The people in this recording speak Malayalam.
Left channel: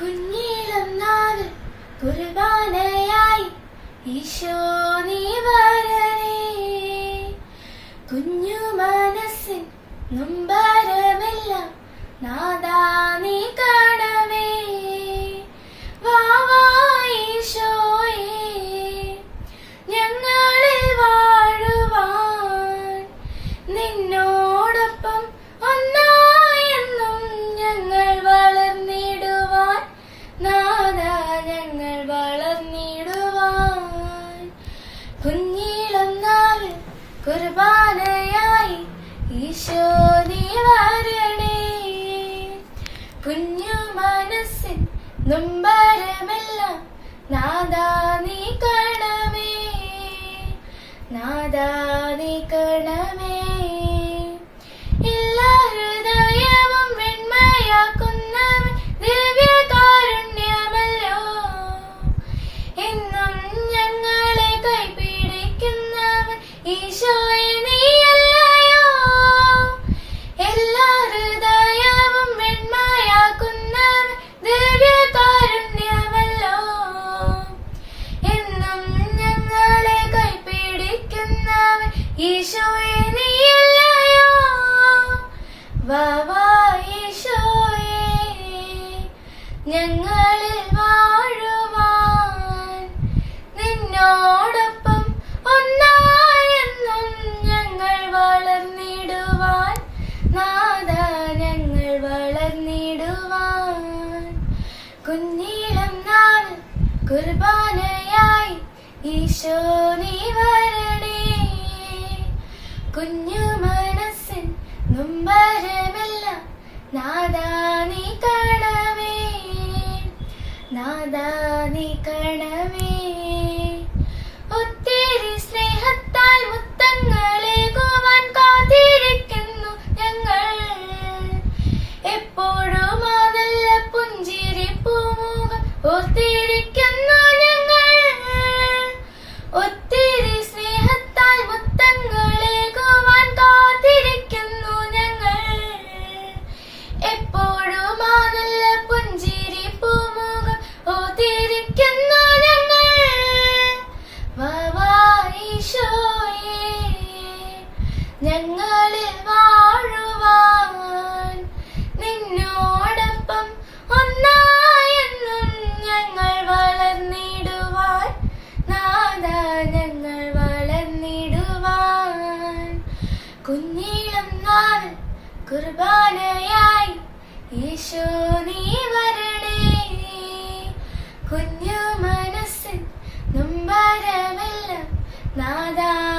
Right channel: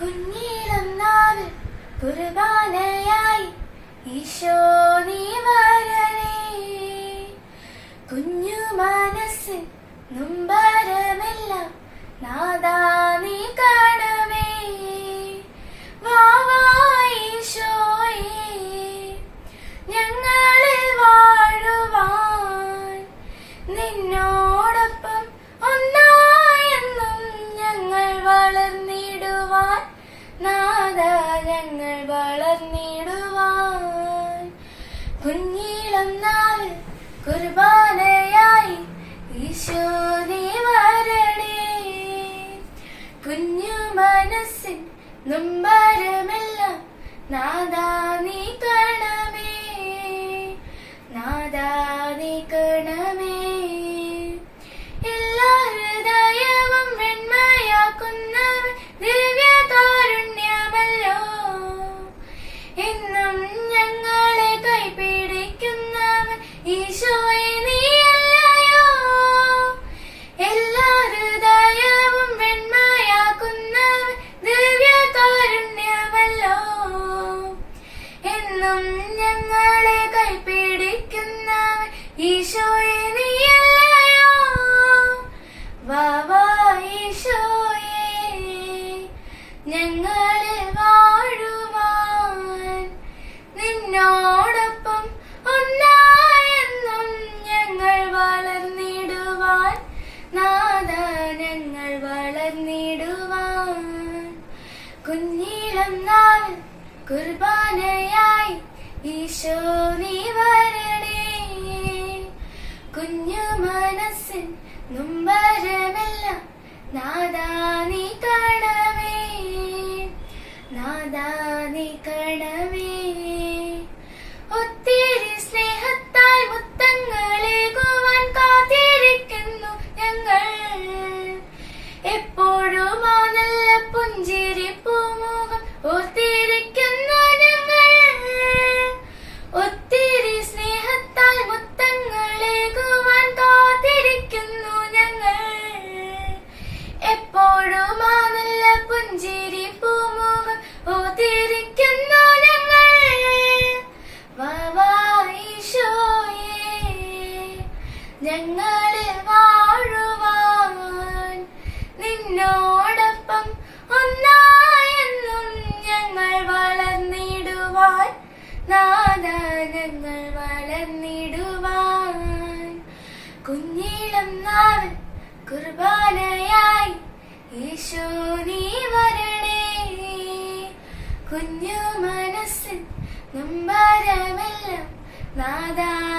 കുഞ്ഞീളം നാവിൽ കുർബാനയായി ഈശോ നീ വരണേ. കുഞ്ഞു മനസ്സിൻ നുംബരമെല്ലാം നാദാ നീ കുർബാനയായി ഈശോ നീ വരണേ. കുഞ്ഞു മനസ്സിൻ നൊമ്പരമെല്ലാം ഈശോയെ എല്ലാ ഞങ്ങളെ ഈശോയെ ഈശോയെ. ഞങ്ങളിൽ കുഞ്ഞീളം നാൾ കുർബാനയായി ഈശോ നീ വരണേ. കുഞ്ഞു മനസ്സിൻ നൊമ്പരമെല്ലാം നാദാ നീ കാണവേ നാദാ നീ കാണവേ ഞങ്ങളിൽ വാഴുവാൻ. നിന്നോടൊപ്പം ഒന്നായെന്നും ഞങ്ങൾ വളർന്നിടുവാൻ. നാദ ഞങ്ങൾ വളർന്നിടുവാൻ. കുഞ്ഞിളം നാൾ കുർബാനയായി ഈശോ നീ വരണേ. കുഞ്ഞു മനസ്സിൽ നൊമ്പരമെല്ലാം നാദാ